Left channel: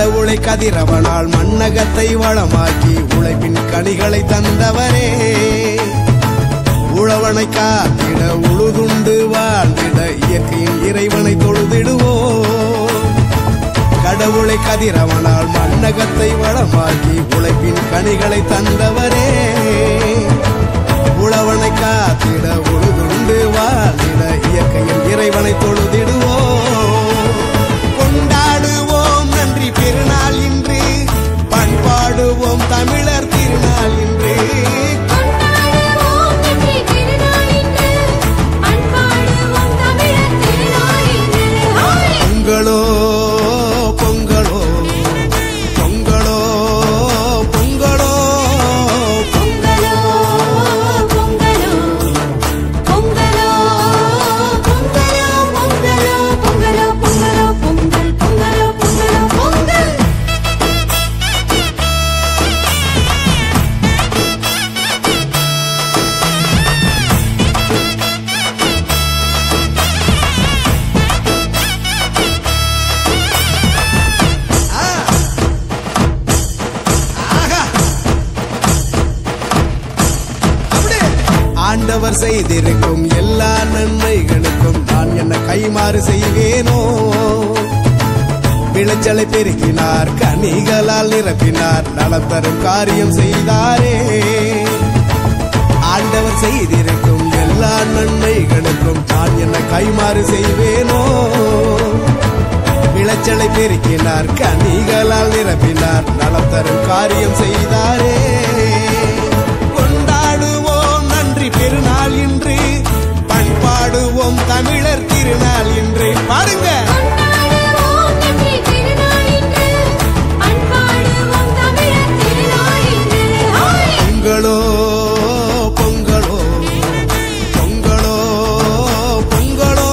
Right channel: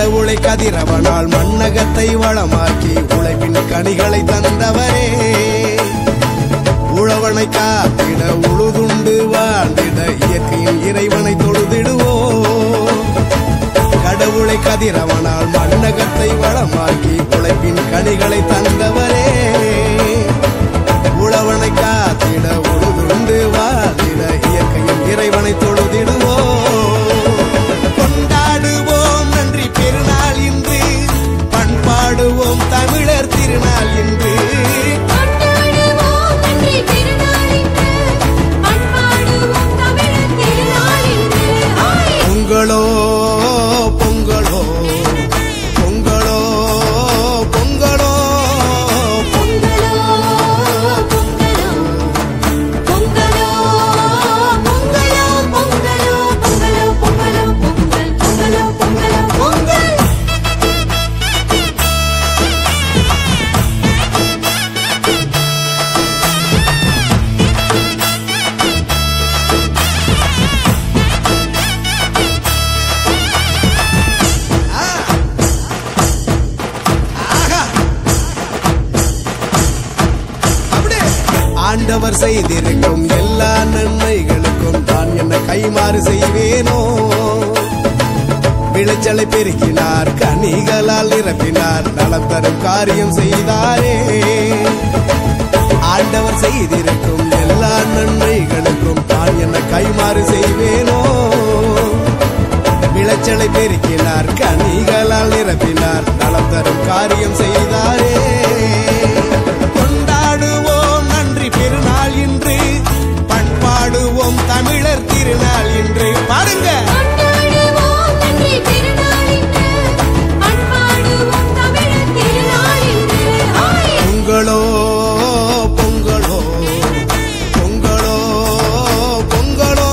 கடவுளை கதிரவனால் மண்ணகத்தை வளமாக்கி உழைப்பின் கனிகளை தந்தவரே, உழவனை காத்திட உழுதுண்டு வாழ்ந்திட இயற்கையின் இறைவனை தொழுதிடுவோ. கடவுளை கதிரவனால் மண்ணகத்தை வளமாக்கி உழைப்பின் கனிகளை தந்தவரே, உழவனை காத்திட உழுதுண்டு வாழ்ந்திட இயற்கையின் இறைவனை தொழுதிடுவோ. கொண்டாடுவோம் நன்றி பெருநாள் இன்று, பண்பாடுவோம் தமிழர் திருநாள் இன்று. பொங்கலோ பொங்கலோ பொங்கலோ பொங்கலோ ஆண்டவர் செய்திருக்கும் எல்லா நன்மைகளுக்கும் நான் என்ன கைமாறு செய்வேனோ. விளைச்சலை பெருக்கினார், கனிகளால் நிரப்பினார், நலம் தரும் காரியம் செய்தாரே. ஆண்டவர் செய்திருக்கும் எல்லா நன்மைகளுக்கும் நான் என்ன கைமாறு செய்வேனோ. விளைச்சலை பெருக்கினார், கனிகளால் நிரப்பினார், நலம் தரும் காரியம் செய்தாரே. கொண்டாடுவோம் நன்றி பெருநாள் இன்று, பண்பாடுவோம் தமிழர் திருநாள் இன்று. பாருங்க. பொங்கலோ பொங்கலோ பொங்கலோ பொங்கலோ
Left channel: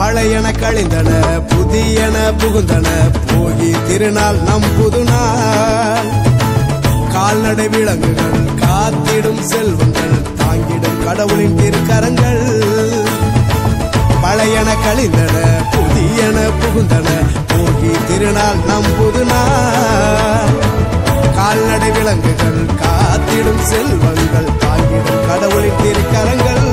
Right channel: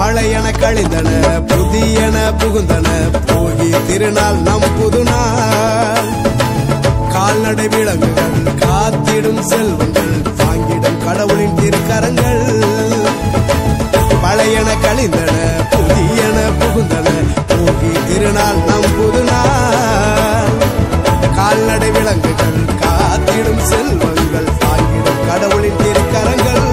பழையன கழிந்தன புதியன புகுந்தன, போகி திருநாள் நம் புதுநாள். கால்நடை விலங்குகள் காத்திடும் செல்வங்கள், தாங்கிடும் கடவுளின் திருக்கரங்கள். பழையன கழிந்தன புதியன புகுந்தன, போகி திருநாள் நம் புதுநாள். கால்நடை விலங்குகள் காத்திடும் செல்வங்கள், தாங்கிடும் கடவுளின் திருக்கரங்கள்.